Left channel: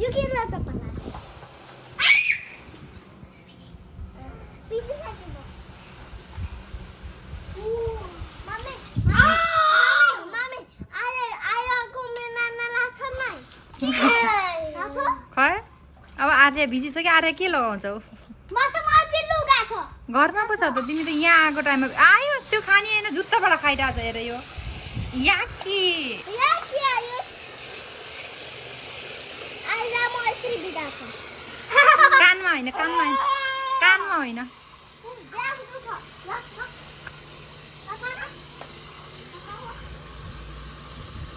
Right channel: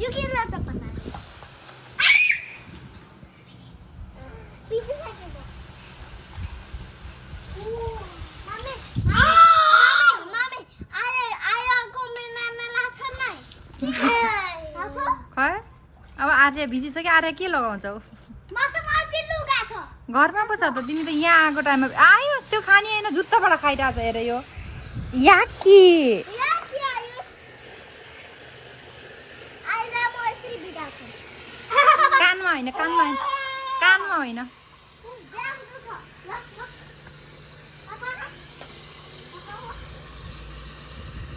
यो के रहेछ पन्ना पिछे साइड मम्मी मम्मी आरे को मेना लाछ नै लाछ खै अब आर्य भिजिसक्यो आर्य के लगाउँछौ मसँग अझै लुगा छ घरमा पो छ त तिमी त यहाँ आएको टाइममा आयो त्यो खानी हैन जुत्ताबाट खाइरहेछ हेर यो याकी याकी आयो आइला म यसरी बिदा छु कानमा हैन कानमा हैन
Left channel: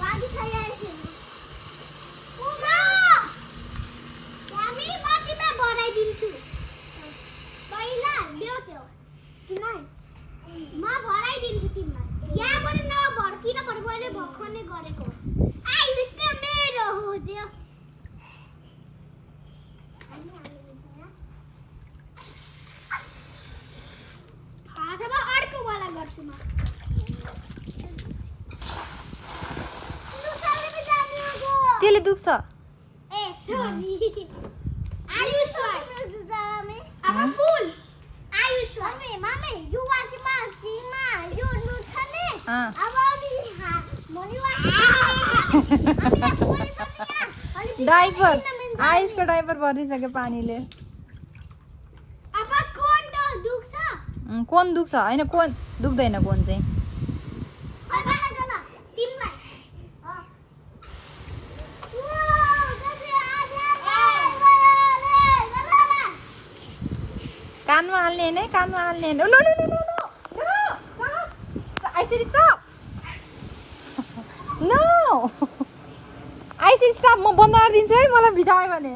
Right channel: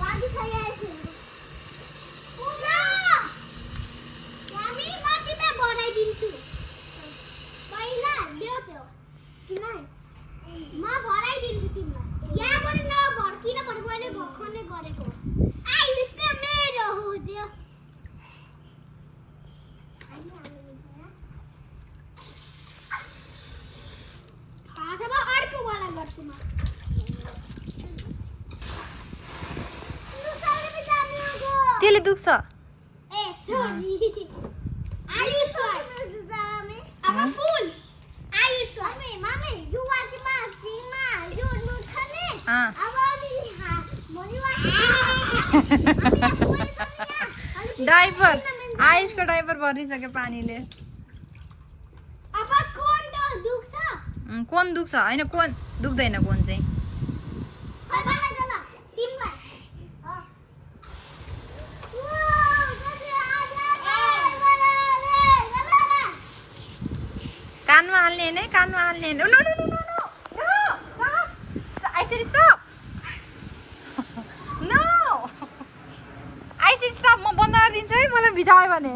पानी खाइरहेछु पुमा हामी माथिमा बनाइदिन्छु पहिला ल्याउ त्यो किन म भराइदिन्छु तिमीलाई यहाँबाट नभर किनभने मैले भर्खरै गरेको आइस न मेरो हो त्यो हातमा अर्को वाला गर्छु म त्यसले दुख्छ ए सरी आयुष अब फुल आयुष मम्मी यो वाचिमा सिमा यो नुथने अब अलि डाइपर आयुषको डाइपर भरिसक्यो पानीले अब कोन त दुख्छ कोन दुख्छ हैन कोन दुख्दैन कोन चाहिँ अब हातमा तिमीलाई कानमा हाल्ने हैन कानमा हाल्ने हैन no no no no no I said stop no I said stop म बन्द गरिदिन्छु है मलाई बितायो भने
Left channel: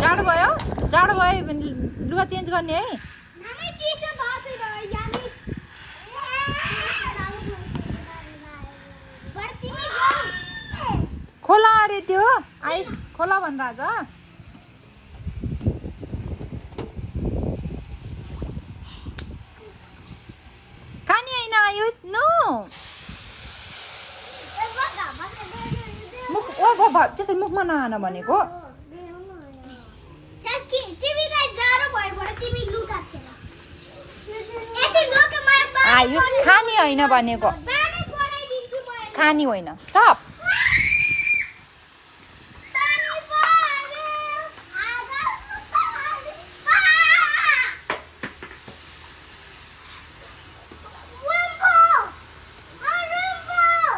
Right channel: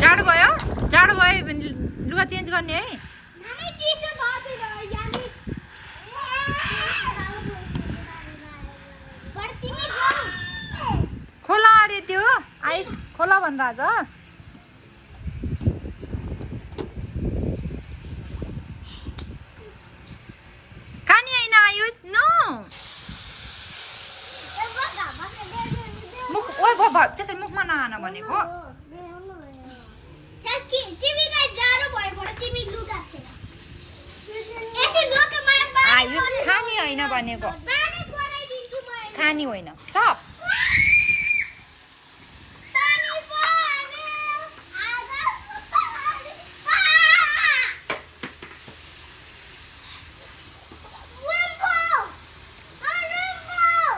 चाँडो भयो जाडो भयो भने लुगा चेन्ज गर्ने है खोला अरे त्यो आइस खोला भन्दा आज खानी हैन आयुष नो मुख ओइ बाबा त्यसरी मुखमा नहान भनेको आयुष खानी हैन भनेको खानी होइन स्टप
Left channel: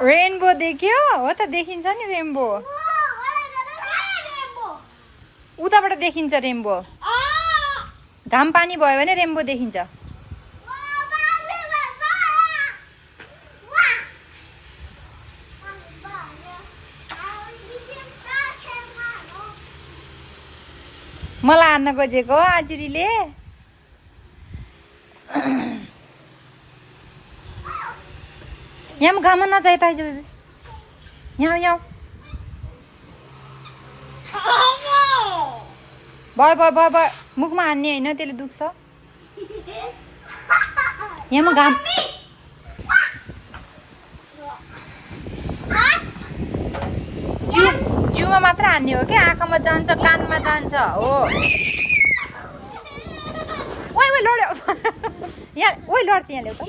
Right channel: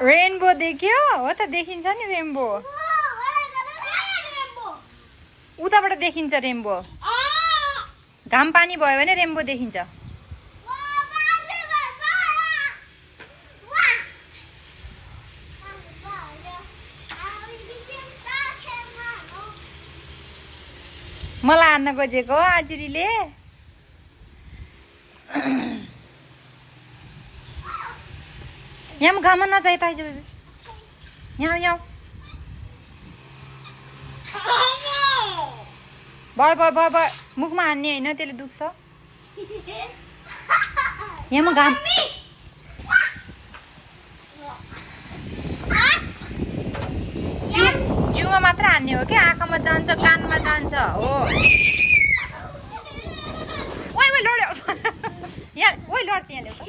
रेनबो देख्यो हो त देखिन्छ नि रेनबो उताबाट देखिन्छ रेनबो घाम पानी भयो भने रेनबो देखिन्छ मलाई हान्न खोजेको आजुरीले यहाँ घाममा नजाए त आइज यहाँ यहाँ भयो भयो भयो भयो मुखमा हान्ने होइन त्यसले दुख्छ यहाँ घाम जिउमा मात्र हान्ने हो कि आँखामा जान्छ कानमा जान्छ हो ओइ ओइ लड्यो यहाँ ओइ लड्छ यहाँ ल्याउ त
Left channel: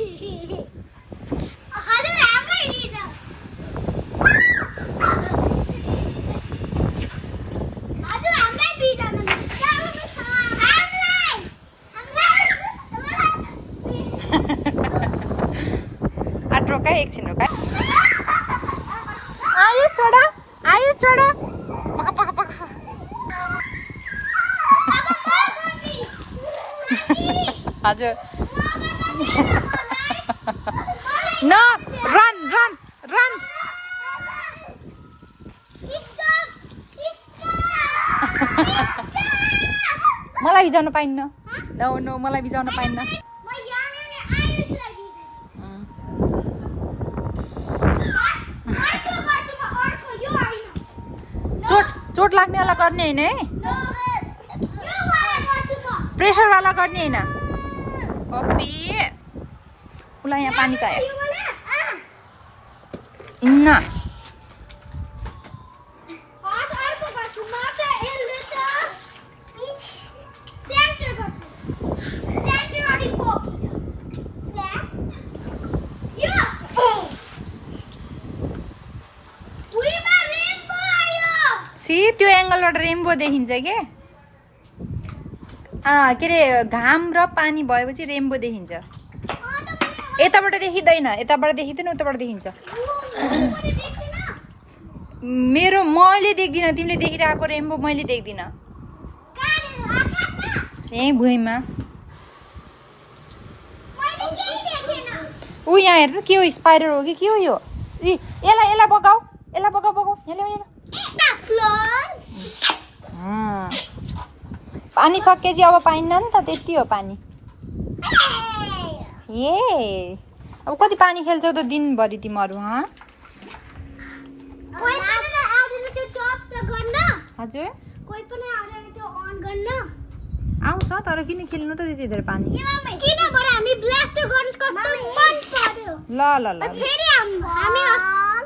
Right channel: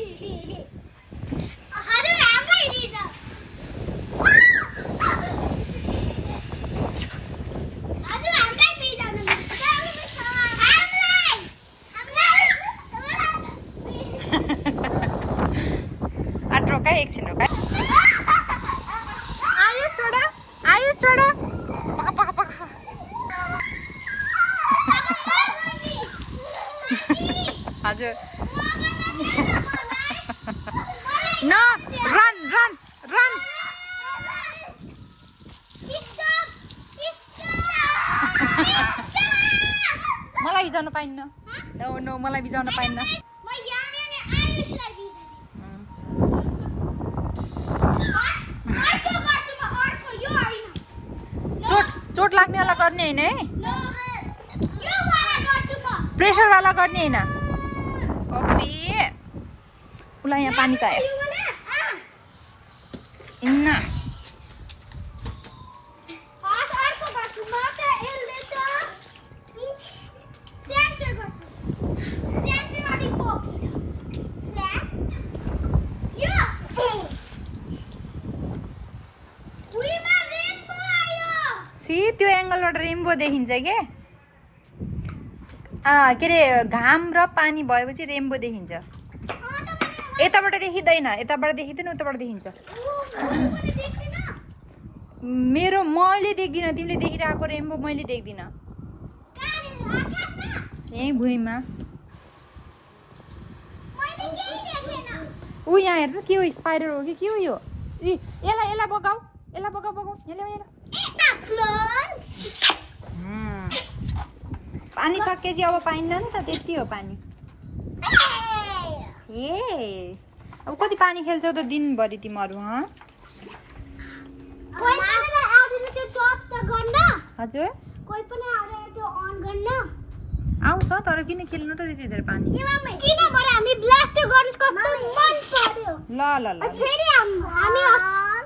रोका एकछिन रोका आयो छोडा पका पका पका हजुर न रन रन रन मलाई भिजाउन पाइन्न नो नो मलाई भिजाउन पाइन्न चोट लाग्नेवाला गर्ने होइन है नो यो वाला गर्छु म प्रेसरवाला गर्ने होइन ओके उसलाई यहाँ पानी चाहियो यो वाला न अर्को गर्छु म त यसले त सेन्टर गर्छु सेन्टर अलि पोकी छ यो उइमा रेनबो आयो सी त्यो एङ्गलबाट रेनबो देखिन्छ के के अरे घाम र पानी भएपछि रेनबो देखिन्छ यताबाट देखिँदैन यताबाट देखिँदैन उताबाट देखिन्छ मेरो मैले देख्दिनँ तिमीले देखिरहेको रेनबो मैले देख्दिनँ यहीँ भुइँमा ऊ यहाँ हेर्नु के हो स्पाइडर हो कि के हो यो यसलाई बगाऊ बगाऊ यहाँ पानी सकेपछि अब पाइन्न नि त त्यति हो पानी ए अब कति पानी खेल्छौ त दिनभरि तिमीहरू हजुर आउँछ तर किन खेल्नु त त्यति धेरै पानी ल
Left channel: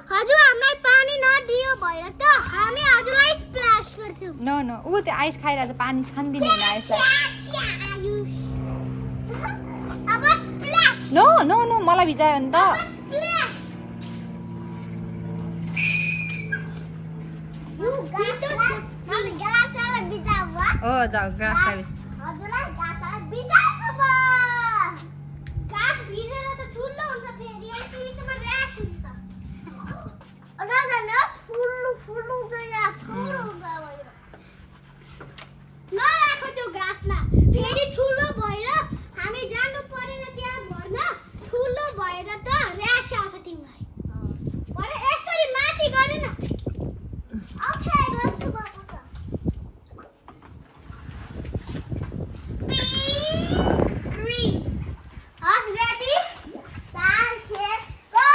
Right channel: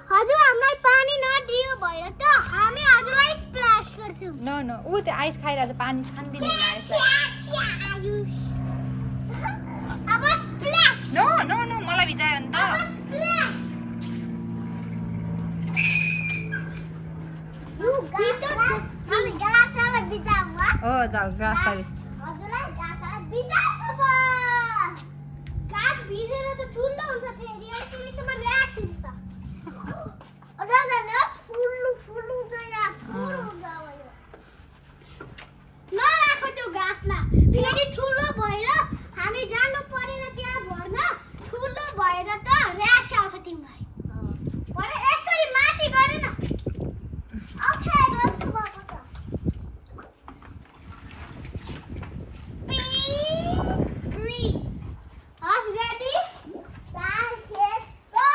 हजुर हामीलाई पानी नदियो भएर त हामी हजुरलाई स्प्ल्याश गर्छौँ न ऊ त्यो आइस खाइरहेको छ पानी खान्दिने होइन आइसलाई अब स्प्ल्याश नो मलाई भिजायो नि त ओ जाऊ ग्रास फेरि ठुलो भएर हामी जानु परेन त्यहाँ भर्न ठुलो भएर त र्यास आउँछ तिमीलाई भने यसरी माथि गरे न ओके गर्छु म त ग्रीन हस रेडी साइड गो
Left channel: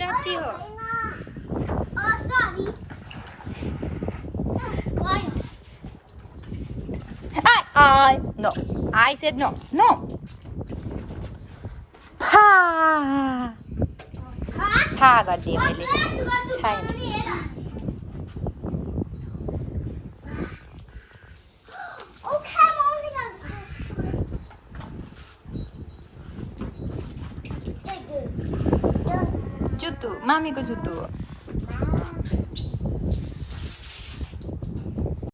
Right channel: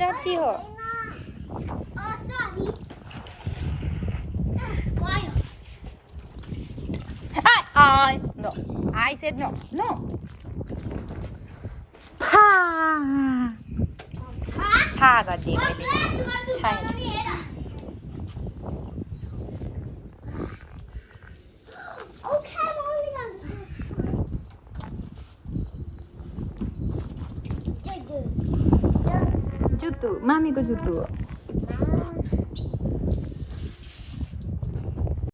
डर्टी हो no I said no थाहा गरिदिएँ मैले छैन जुत्तु मामीको जुत्तु